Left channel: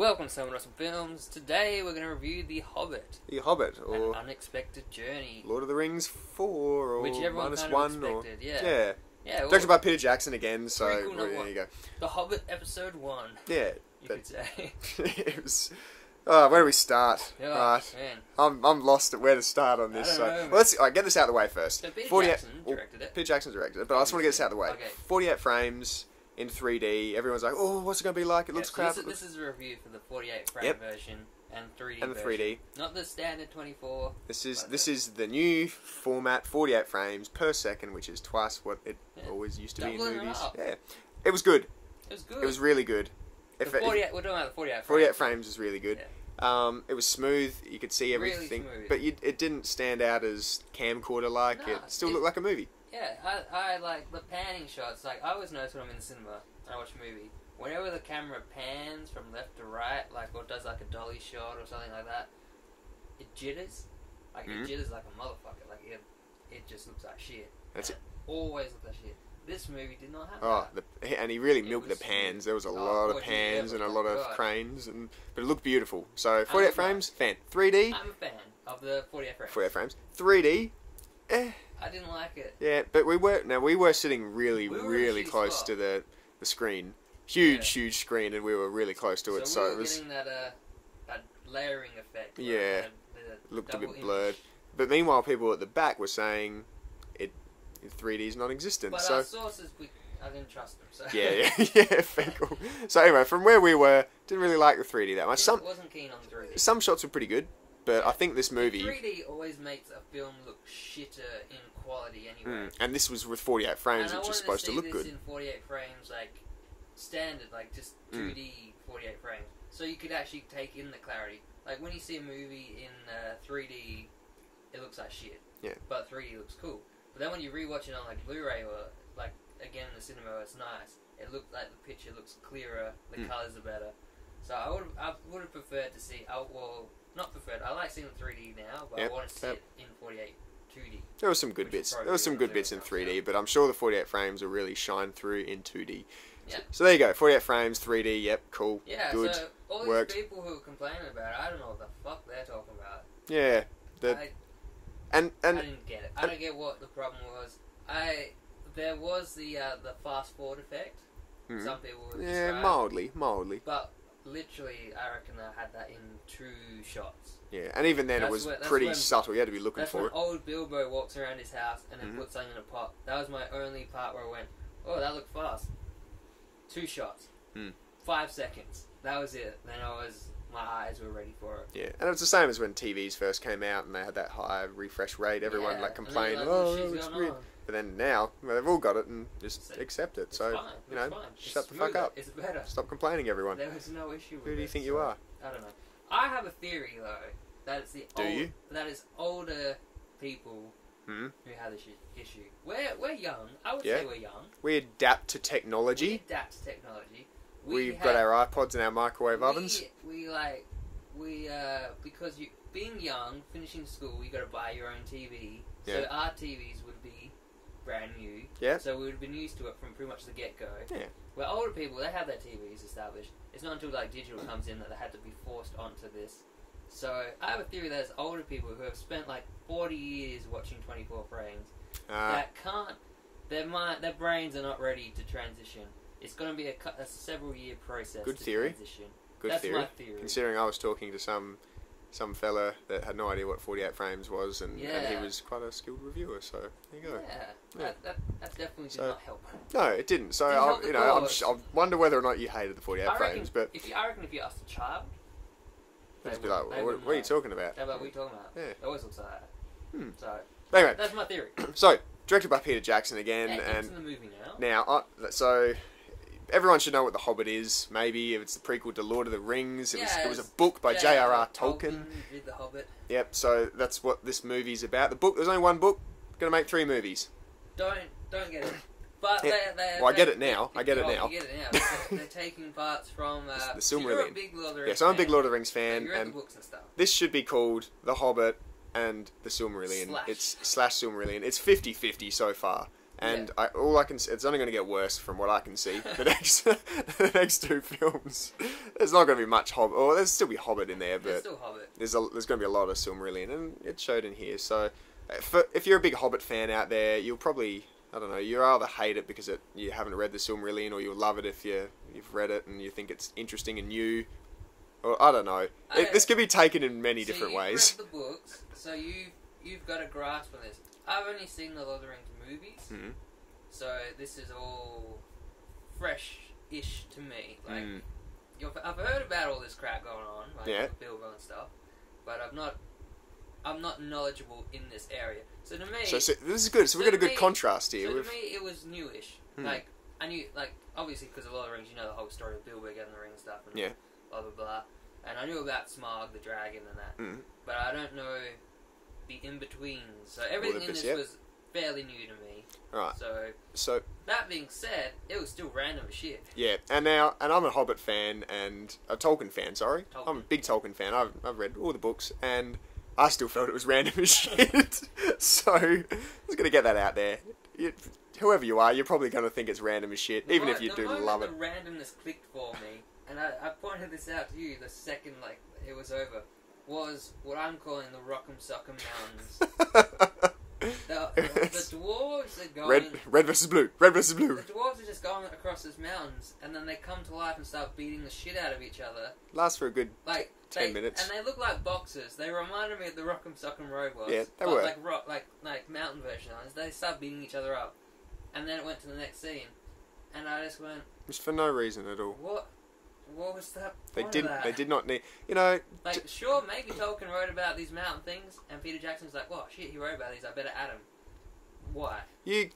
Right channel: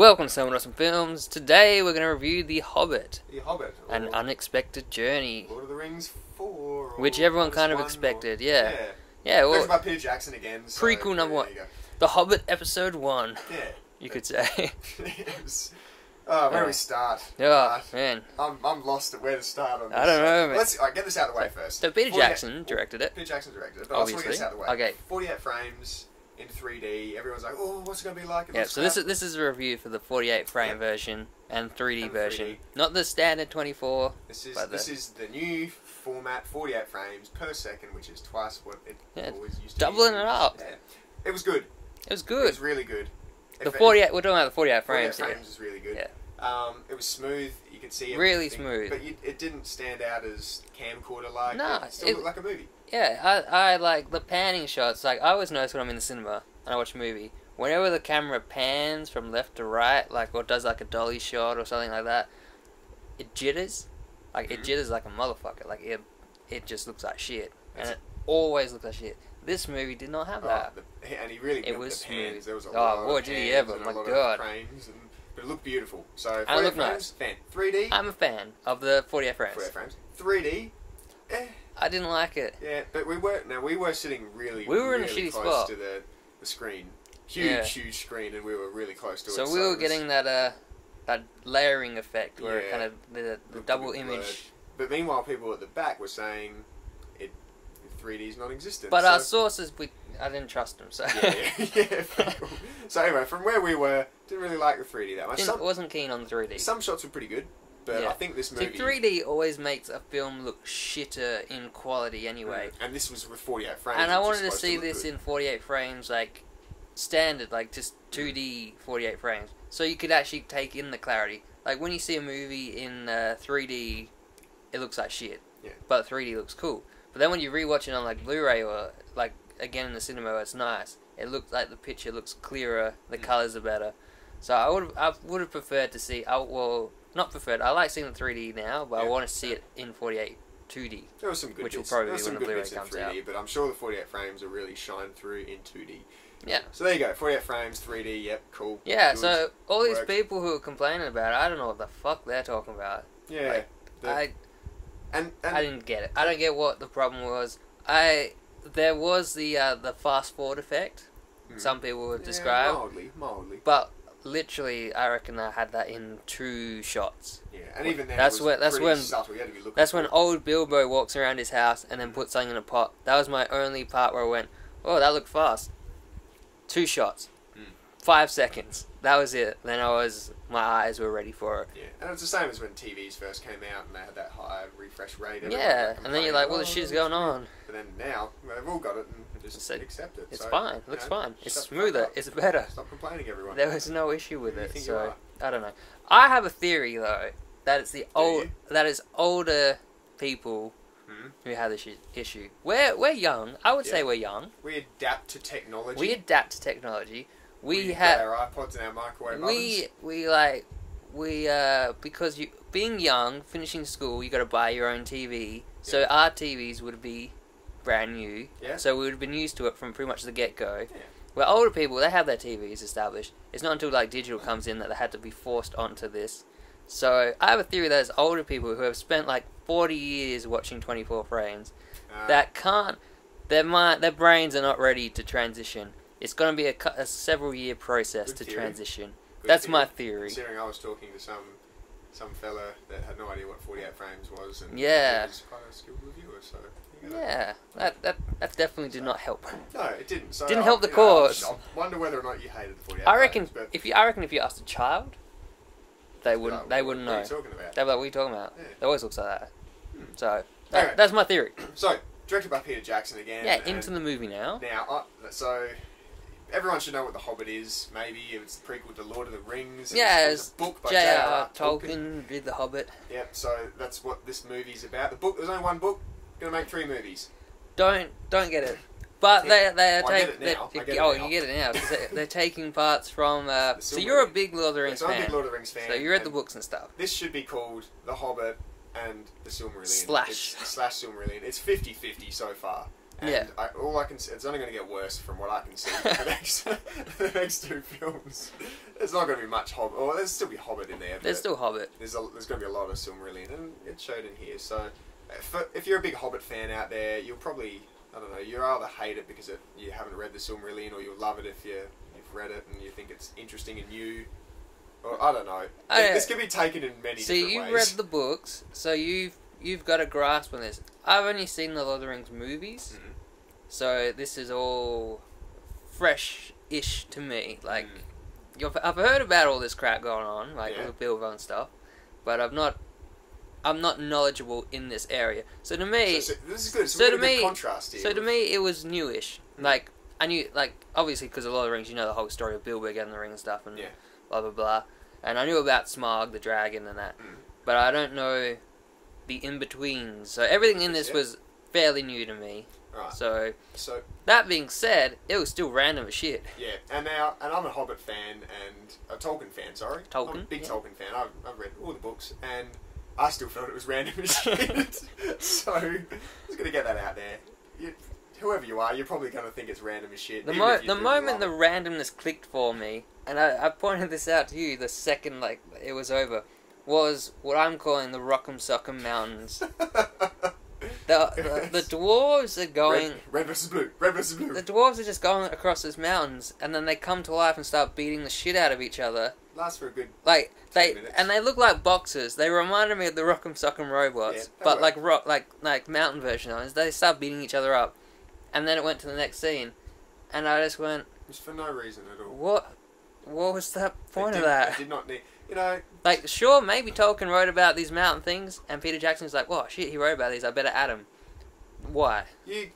Welcome to Someone Awesome Films. Today we're going to review The Hobbit. The Hobbit. Or An Unexpected Journey. Lord of the Rings 4. Or which everyone kind of expected, yeah. Yeah, well, directed by Peter Jackson again. So prequel number 1. The Hobbit Episode 1. Yeah. You could say. It was... where do we start? Oh, man. I'm lost at where to start on this. I don't know, man. Let's get this out of the way first. So Peter Jackson directed it. Peter Jackson directed it, but I just want to get this out of the way. Okay. 48 frames in 3D. Everyone's like, oh, what's it going to be like? It looks crap. This is a review for the 48 frame version and 3D and version. 3D. Not the standard 24. This is the new format, 48 frames per second, which is twice what it always used to be. Doubling it up. Yeah. It was good. It was good. It was really good. We're talking about the 48 frames. 48 frames is really good. Yeah. It was smooth. You could see everything. Really smooth. But it didn't stand out as camcorder-like. No, it still looked like a movie. Yeah, I like the panning shots. Like, I always notice when I'm in the cinema and I watch a movie, whenever the camera pans from left to right, like, or does like a dolly shot or something like that, it jitters. Like, it jitters like a motherfucker. Like, it just looks like shit. It always looks like shit. This movie did not have that. And he really milked the pans. There was a lot of pans and a lot of cranes, but it looked beautiful. So 48 frames, fan. 3D. I'm a fan of the 48 frames. 48 frames. 3D. I didn't like it. Yeah, but we were sitting really close to the screen. Huge screen, and we were really close to it. So we were getting that layering effect. Where the double image. Blurred. But meanwhile, people at the back were saying 3D is non-existent. But our sources, I didn't trust them. So yeah, cool. So anyway, from where we were, didn't really like the 3D that much. Wasn't keen on the 3D. Some shots were pretty good, but I think this movie... 3D always makes a film look shitter in quality anyway. And this was with 48 frames, and I wanted to supposed see look this good. in 48 frames, like standard, like just 2D 48 frames, so you could actually take in the clarity. Like when you see a movie in 3D, it looks like shit. Yeah. But 3D looks cool. But then when you rewatch it on like Blu-ray or like again in the cinema, it's nice. It looks like the picture looks clearer. The colors are better. So I would have preferred to see. Not preferred. I like seeing the 3D now, but I want to see it in 48 2D. There were some good bits. There were some good bits in 3D, but I'm sure the 48 frames will really shine through in 2D. Yeah. So there you go. 48 frames, 3D. Yep, cool. Yeah. Good, so all these people who are complaining about it, I don't know what the fuck they're talking about. Yeah. I didn't get it. I don't get what the problem was. There was the fast forward effect. Some people would describe mildly. But literally, I reckon I had that in 2 shots. Yeah, and even then it was pretty subtle. You had to be looking. That's when old Bilbo walks around his house and then puts something in a pot. That was my only part where I went, "Oh, that looked fast." 2 shots, 5 seconds. That was it. Then my eyes were ready for it. Yeah, and it was the same as when TVs first came out and they had that high refresh rate. Everyone and then you're like, "What the shit's going on?" But then now, they've all got it and just accept it. It's so, fine. It's fine. It's shut smoother. It's better. Stop complaining, everyone. There was no issue with it. Who do you think you are? I don't know. I have a theory though that it's that is older people who have this issue. We're young. I would say we're young. We adapt to technology. We've got our iPods and our microwave ovens. Because being young, finishing school, you got to buy your own TV. So our TVs would be brand new. Yeah. So we would have been used to it from pretty much the get-go. Yeah. Where older people, they have their TVs established. It's not until like digital comes in that they had to be forced onto this. So I have a theory that it's older people who have spent like 40 years watching 24 frames that can't. Their brains are not ready to transition. It's going to be a several-year process to transition. That's my theory. Considering I was talking to some fella that had no idea what 48 frames was, and he was quite a skilled reviewer, so there you go. Yeah, that definitely did not help. No, it didn't. So didn't help the cause. I wonder whether or not you hated the 48 I reckon frames. But I reckon if you asked a child, they wouldn't know. What are you talking about? They'd be like, "What are you talking about?" Yeah. It always looks like that. So anyway, that's my theory. So directed by Peter Jackson again. Yeah, into the movie now. So everyone should know what The Hobbit is. Maybe it's the prequel to Lord of the Rings. It was a book by J.R.R. Tolkien did The Hobbit. Yep. So that's what this movie's about. The book. There's only one book. Gonna make 3 movies. Don't get it. But I get it now. You get it now. They're taking parts from. So you're a big Lord of the Rings fan. So I'm a big Lord of the Rings fan. So you read the books and stuff. This should be called The Hobbit and the Silmarillion. / Silmarillion. It's 50-50 so far. And all I can see, it's only going to get worse from what I can see. The next two films, there's not going to be much Hobbit. Or there's still be Hobbit in there. But there's still Hobbit. There's going to be a lot of Silmarillion, and it showed in here. So, if you're a big Hobbit fan out there, you'll probably, I don't know, you'll either hate it because you haven't read the Silmarillion, or you'll love it if you've read it and you think it's interesting and new. Or I don't know. This can be taken in many different ways. So you've read the books, so you've got a grasp on this. I've only seen the Lord of the Rings movies, so this is all fresh-ish to me. Like, I've heard about all this crap going on, like with Bilbo and stuff, but I'm not knowledgeable in this area. So to me, so this is good. So we've got a good contrast here. So to me, it was newish. Like I knew, like obviously because of Lord of the Rings, you know the whole story of Bilbo getting the ring and stuff, and blah blah blah. And I knew about Smaug, the dragon, and that, but I don't know the in-betweens. So everything in this was fairly new to me. Right. So that being said, it was still random as shit. Yeah, and I'm a Hobbit fan and a Tolkien fan. Sorry, I'm a big Tolkien fan. I've read all the books, and I still felt it was random as shit. So I was gonna get that out there. Whoever you are, you're probably gonna think it's random as shit. The moment the randomness clicked for me, and I pointed this out to you the second it was over, was what I'm calling the Rock'em Sock'em Mountains. The dwarves are going... Red versus blue. Red versus blue. The dwarves are just going across these mountains, and then they come to life and start beating the shit out of each other. Lasts for a good 10 minutes. And they look like boxers. They reminded me of the Rock'em Sock'em Robots. Yeah, but like mountain version of it. They start beating each other up. And then it went to the next scene. And I just went... Just for no reason at all. What was the point of that? They did not need... You know... Like, sure, maybe Tolkien wrote about these mountain things, and Peter Jackson's like, well, shit, he wrote about these, I better add them. Why? You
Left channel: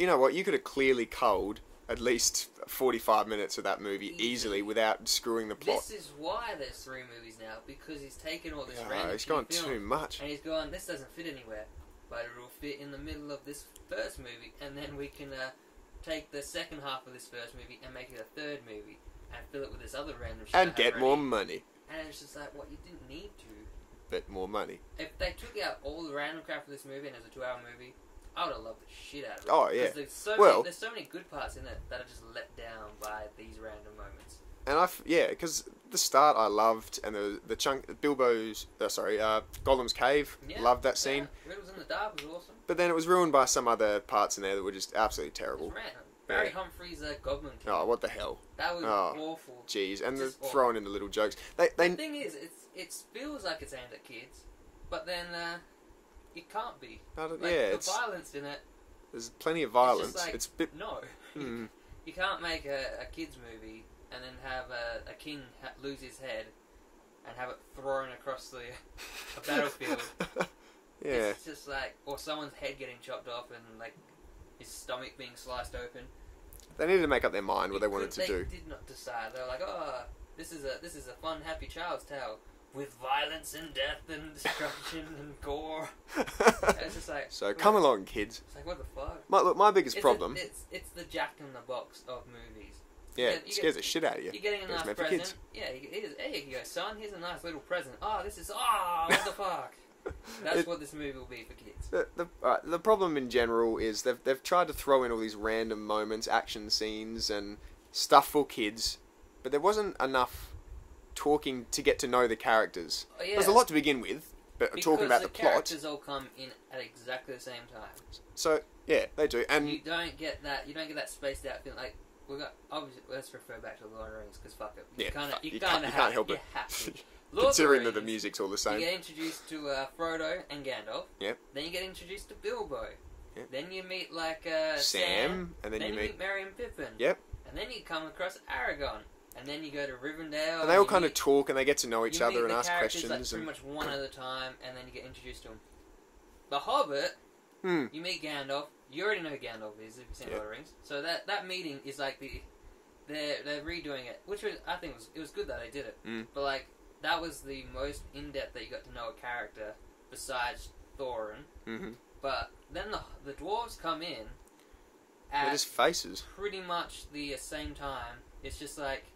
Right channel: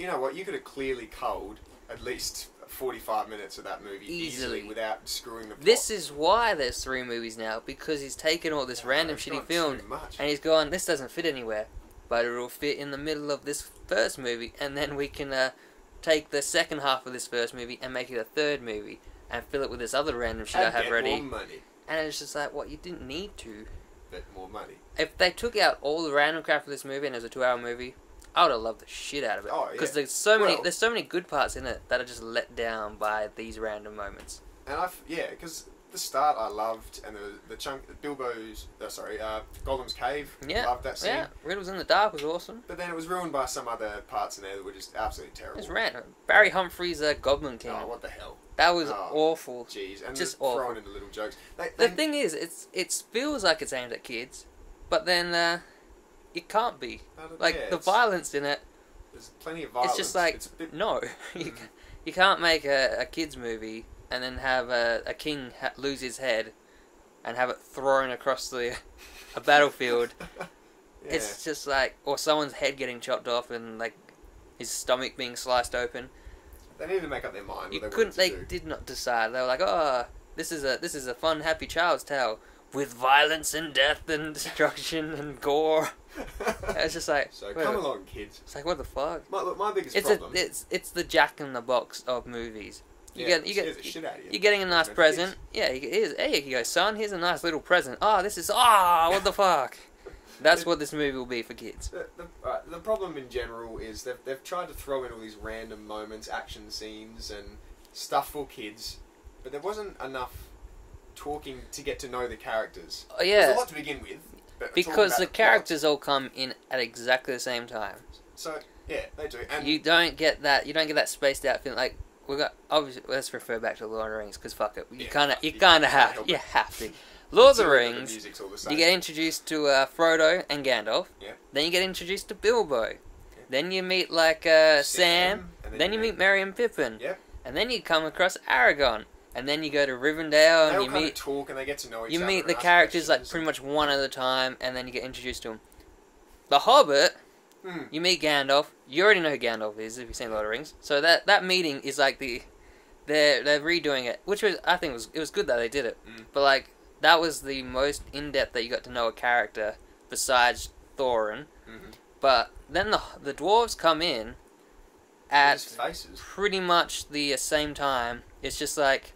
know what? You could have clearly culled at least 45 minutes of that movie easily without screwing the plot. This is why there's 3 movies now, because he's taken all this random shitty film, and he's gone, this doesn't fit anywhere, but it'll fit in the middle of this first movie, and then we can take the second half of this first movie and make it a third movie, and fill it with this other random shit I have get ready. More money. And it's just like, what, you didn't need to. Get more money. If they took out all the random crap of this movie and it was a 2-hour movie, I would have loved the shit out of it. Oh, yeah. Because there's so many good parts in it that are just let down by these random moments. And because the start I loved, and the chunk, Gollum's cave, loved that scene. Yeah, Riddles in the Dark was awesome. But then it was ruined by some other parts in there that were just absolutely terrible. It was random. Barry Humphrey's Goblin King. Oh, what the hell? That was awful. Jeez, and just throwing in the little jokes. The thing is, it feels like it's aimed at kids, but then it can't be. The violence in it. There's plenty of violence. It's just like, no. You can't make a kids movie and then have a king lose his head and have it thrown across a battlefield. Yeah. It's just like, or someone's head getting chopped off and like his stomach being sliced open. They needed to make up their mind what they wanted to do. They did not decide. They were like, oh, this is a fun, happy child's tale with violence and death and destruction and gore. It's just like, so come along, kids. It's like, what the fuck? My biggest problem. It's the Jack in the Box of movies. You get the shit out of you. You're getting a nice present. Yeah, here you go, son. Here's a nice little present. What the fuck? That's what this movie will be for kids. The problem in general is they've tried to throw in all these random moments, action scenes, and stuff for kids, but there wasn't enough talking to get to know the characters. Yeah. There's a lot to begin with, but because the characters all come in at exactly the same time. So yeah, they do, and you don't get that. You don't get that spaced out feeling like obviously. Let's refer back to Lord of the Rings because fuck it, you kind of have to. Lord of the Rings. The music's all the same. You get introduced to Frodo and Gandalf. Yep. Then you get introduced to Bilbo. Yep. Then you meet Sam. And then you meet Merry and Pippin. Yep. And then you come across Aragorn. And then you go to Rivendell. And they all kind of talk and they get to know each other. You meet the characters pretty much one at a time, and then you get introduced to them. The Hobbit. You meet Gandalf. You already know who Gandalf is if you've seen Lord of the Rings. So that meeting is like they're redoing it, which I think was good that they did it. But like that was the most in depth that you got to know a character besides Thorin. But then the dwarves come in at faces pretty much the same time. It's just like,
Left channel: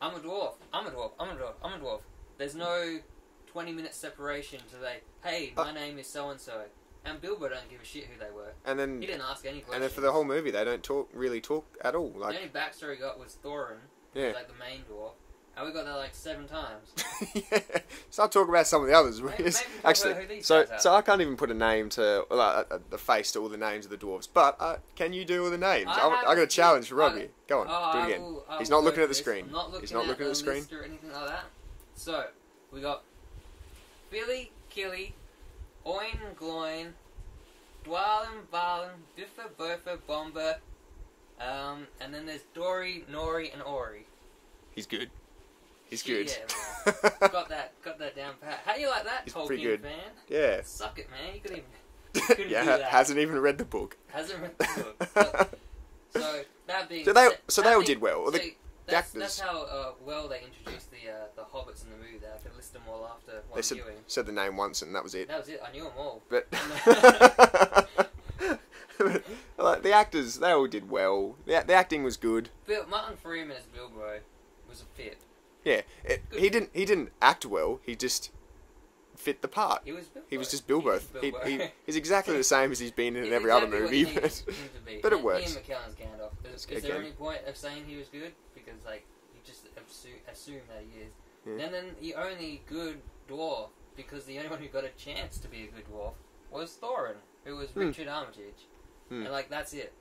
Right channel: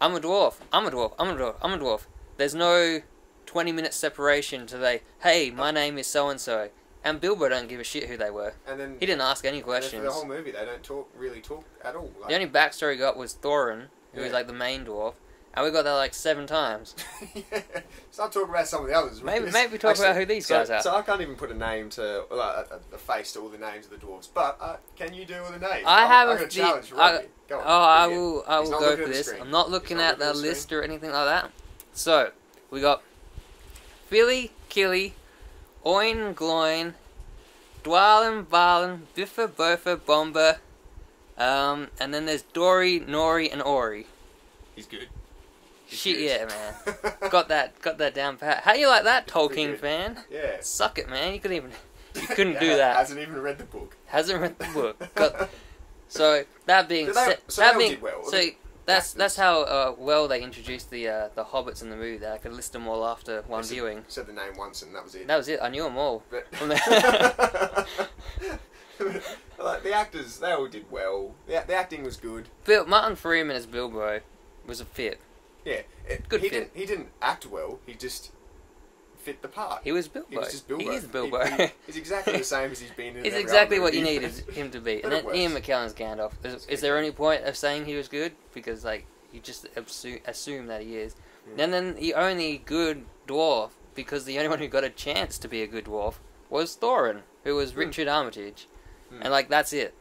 I'm a dwarf. I'm a dwarf. I'm a dwarf. I'm a dwarf. There's no 20-minute separation to hey, my name is so and so. And Bilbo don't give a shit who they were. And then he didn't ask any questions. And then for the whole movie, they don't really talk at all. Like, the only backstory we got was Thorin, who was like the main dwarf, and we got that like 7 times. Yeah. Start talking about some of the others. Maybe talk about who these guys are. So I can't even put a name to a face to all the names of the dwarves. But can you do all the names? I got a challenge for Robbie. Go on. I will. He's not looking at the this. screen. I'm not looking at the list or anything like that. So we got Philly, Killy, Oin, Gloin, Dwalin, Balin, Biffa, Bofa, Bomber, and then there's Dory, Nori, and Ori. He's good. Shit, yeah, man. got that down pat. How you like that, Tolkien fan? Yeah. Suck it, man. You couldn't do that. Hasn't even read the book. Hasn't read the book. So that being said, so they all did well. So that's how well they introduced the hobbits in the movie. That I could list them all after one viewing. Said the name once and that was it. That was it. I knew them all. But like, the actors, they all did well. The acting was good. Martin Freeman as Bilbo was a fit. Yeah, he didn't act well. He just fit the part. He was Bilbo. He was just Bilbo. He is Bilbo. He's exactly the same as he's been in every exactly other movie. what you need him to be. But and it works. Ian McKellen's Gandalf. Is there any point of saying he was good? Because like you just assume that he is. Yeah. And then the only good dwarf, because the only one who got a chance to be a good dwarf was Thorin, who was Richard Armitage, and like that's it.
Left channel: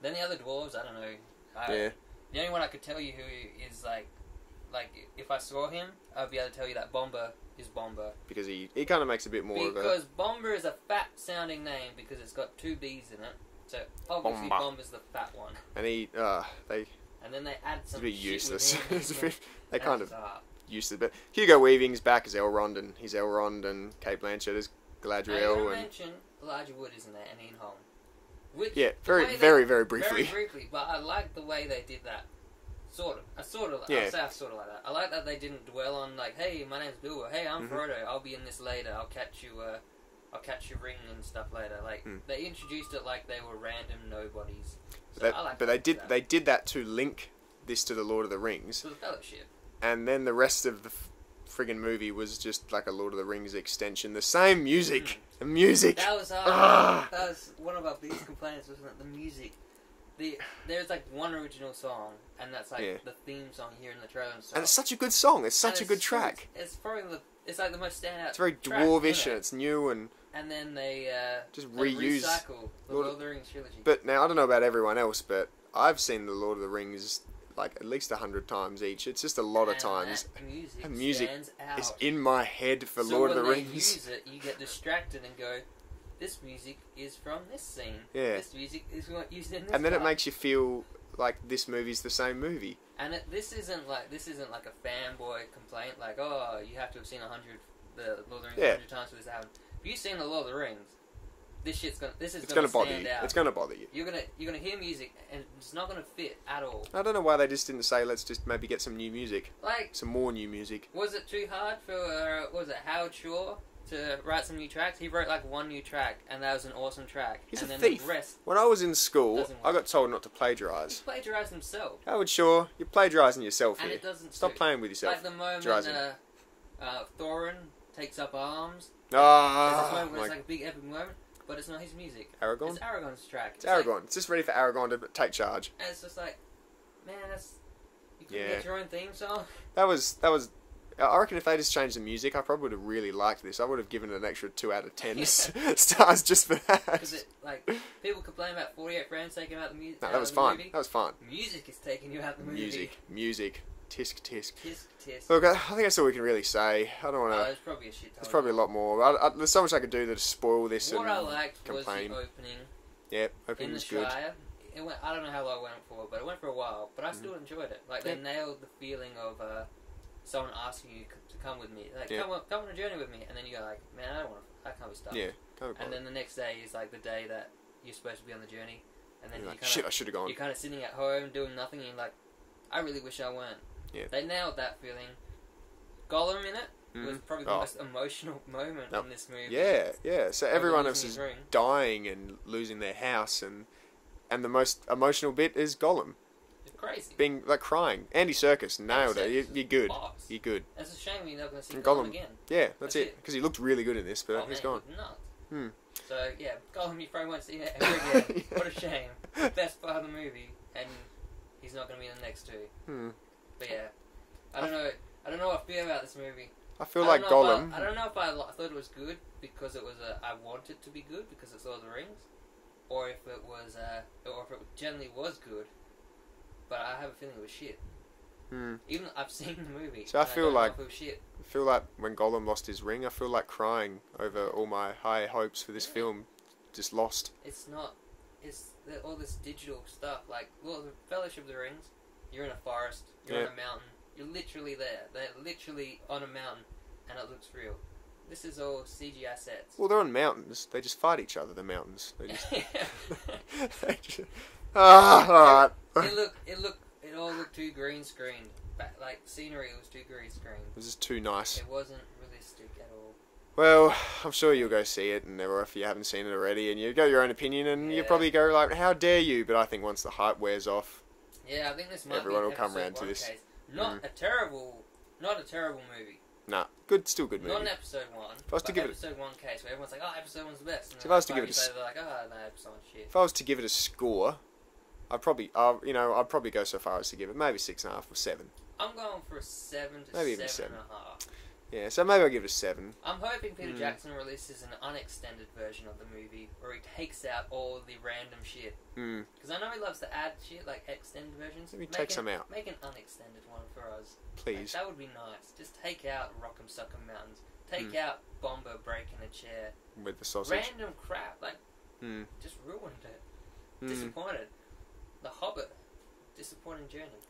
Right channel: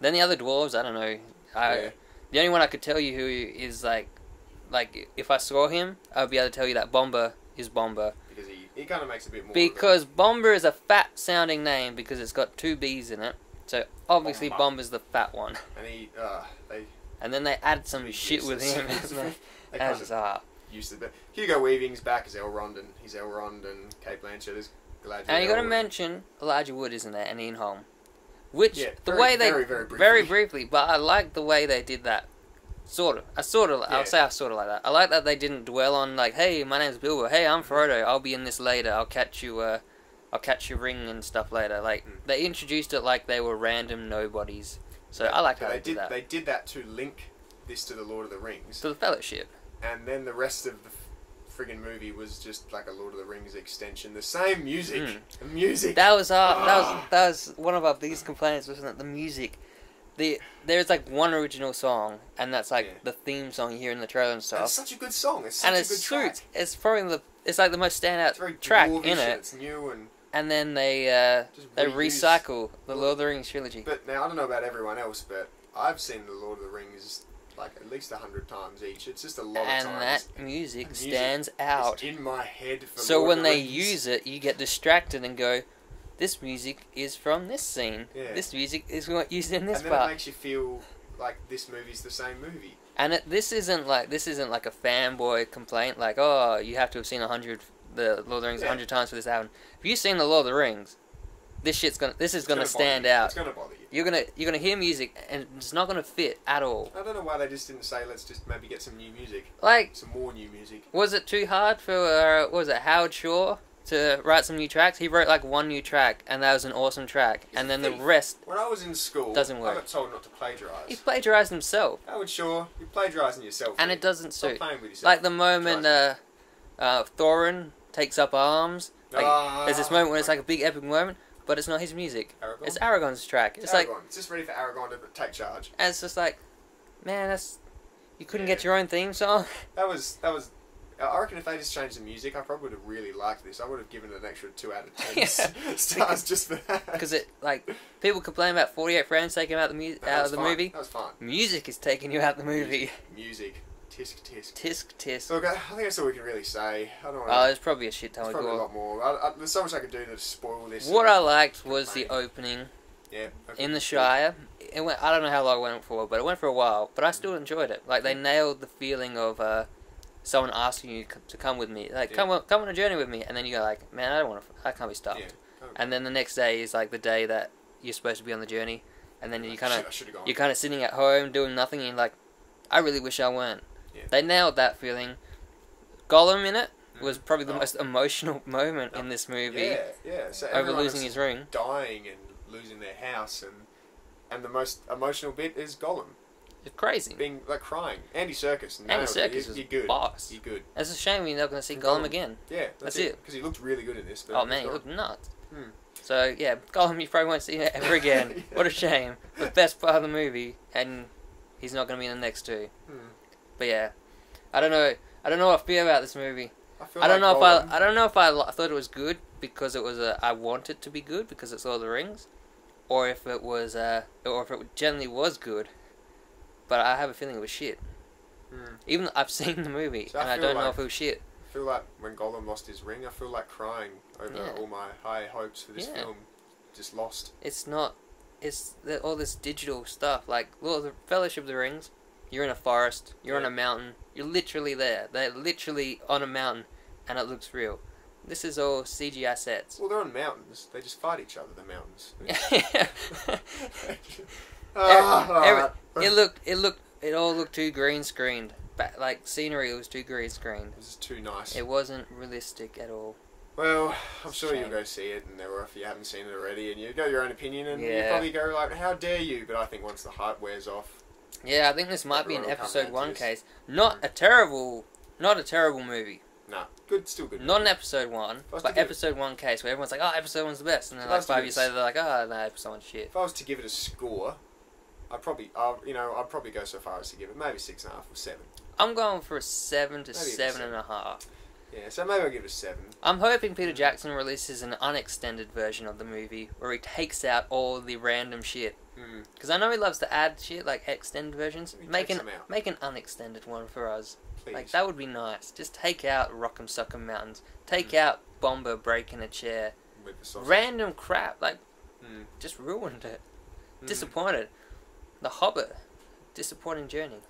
Then the other dwarves, I don't know. The only one I could tell you who is like if I saw him, I'd be able to tell you that Bomber is Bomber. Because he kind of makes a bit more. Because Bomber is a fat sounding name because it's got 2 B's in it. So obviously Bomber's the fat one. And and then they add some shit with him. They kind of used to. But Hugo Weaving's back as Elrond, and he's Elrond, and Cate Blanchett is Galadriel. And you got to mention Elijah Wood, isn't there, and Ian Holm. Which very briefly. Very briefly, but I like the way they did that. Sort of. I'll sort of like that. I like that they didn't dwell on like, hey, my name's Bilbo. Hey, I'm Frodo. I'll be in this later. I'll catch your ring and stuff later. Like they introduced it like they were random nobodies. So I like. But they did that to link this to the Lord of the Rings. To the Fellowship. And then the rest of the friggin' movie was just like a Lord of the Rings extension. The same music. The music. That was one of our biggest complaints, wasn't it? The music. There's like one original song, and that's like the theme song you hear in the trailer and stuff. And it's such a good song. It's such a good track. It's probably it's like the most standout. It's very track dwarvish. In it. It's new and. And then they recycle the Lord of the Rings trilogy. But now I don't know about everyone else, but I've seen the Lord of the Rings like at least 100 times each. It's just a lot of times. And that music stands out. It's in my head for so Lord of the when Rings. they use it, you get distracted and go, this music is from this scene. Yeah. This music is used in this And then part. it makes you feel like this movie's the same movie. And this isn't like a fanboy complaint like, oh, you have to have seen the Lord of the Rings 100 times for this album. If you've seen the Lord of the Rings, this is gonna stand out. It's gonna bother you. You're gonna hear music and it's not gonna fit at all. I don't know why they just didn't say let's just maybe get some new music. Like some more new music. Was it too hard for Howard Shore to write some new tracks? He wrote like one new track and that was an awesome track. He's and a then thief. The rest when I was in school doesn't work. I got told not to plagiarise. He plagiarised himself. Howard Shore, you're plagiarising yourself. And it doesn't Stop suit. playing with yourself. Like the moment Thorin takes up arms. There's this moment when it's like a big epic moment, but it's not his music. Aragorn? It's Aragorn's track. It's Aragorn. It's just ready for Aragorn to take charge. And it's just like, man, you couldn't get your own theme song? That was. I reckon if they just changed the music, I probably would have really liked this. I would have given it an extra 2 out of 10 stars just for that. Because people complain about 48 frames taking out the movie. That was fine. Music is taking you out the movie. Music. Tisk, tisk. Tisk, tisk. Look, I think that's all we can really say. I don't want to... there's probably a shit ton. There's probably a lot more. There's so much I could do to spoil this. What I liked was the opening. Yeah. In the Shire. It went, I don't know how long it went for, but it went for a while. But I still enjoyed it. Like, they nailed the feeling of someone asking you to come with me. Like, come on a journey with me. And then you go like, man, I can't be stopped. Yeah. And then the next day is like the day that you're supposed to be on the journey. And then you kind of... You're kind of sitting at home doing nothing and you're like, I really wish I weren't. Yeah. They nailed that feeling. Gollum in it was probably the most emotional moment in this movie. Yeah. So everyone is dying and losing their house, and the most emotional bit is Gollum. It's crazy. Being like crying. Andy Serkis nailed it. You're good. You're good. It's a shame we're not going to see Gollum again. Yeah, that's it. Because he looked really good in this. But he looked nuts. So, yeah, Gollum, you probably won't see it ever again. Yeah. What a shame. The best part of the movie, and he's not going to be in the next two. But yeah, I don't know what I feel about this movie. I don't know if I thought it was good because it was I want it to be good because it's Lord of the Rings, or if it was or if it generally was good. But I have a feeling it was shit. Even though I've seen the movie, so and I don't know if it was shit. I feel like when Gollum lost his ring, I feel like crying over all my high hopes for this film. Just lost. It's not. It's all this digital stuff. Like, well, the Fellowship of the Rings, you're in a forest, you're on a mountain, you're literally there. They're literally on a mountain, and it looks real. This is all CGI sets. Well, they're on mountains. They just fight each other, the mountains. It all looked too green screened. Like, scenery was too green screened. It was just too nice. It wasn't realistic at all. Well, I'm sure you'll go see it, and or if you haven't seen it already, and you go your own opinion, and you probably go like, "How dare you?" But I think once the hype wears off, I think this might be an episode 1 case. Not a terrible movie. Nah, still good movie. Not an epised 1, but episode 1 case where everyone's like, "Oh, episode 1's the best," and then like 5 years later they're like, "Oh, no, episode 1's shit." If I was to give it a score, I'd probably go so far as to give it maybe 6.5 or 7. I'm going for a 7 to maybe 7.5. Yeah, so maybe I'll give it a 7. I'm hoping Peter Jackson releases an unextended version of the movie where he takes out all the random shit. Because I know he loves to add shit, like extended versions. Make an unextended one for us. Please. Like, that would be nice. Just take out Rock'em Sock'em Mountains. Take out Bomber breaking a chair. With the sausage. Random crap. Like, just ruined it. Disappointed. The Hobbit. Disappointing journey.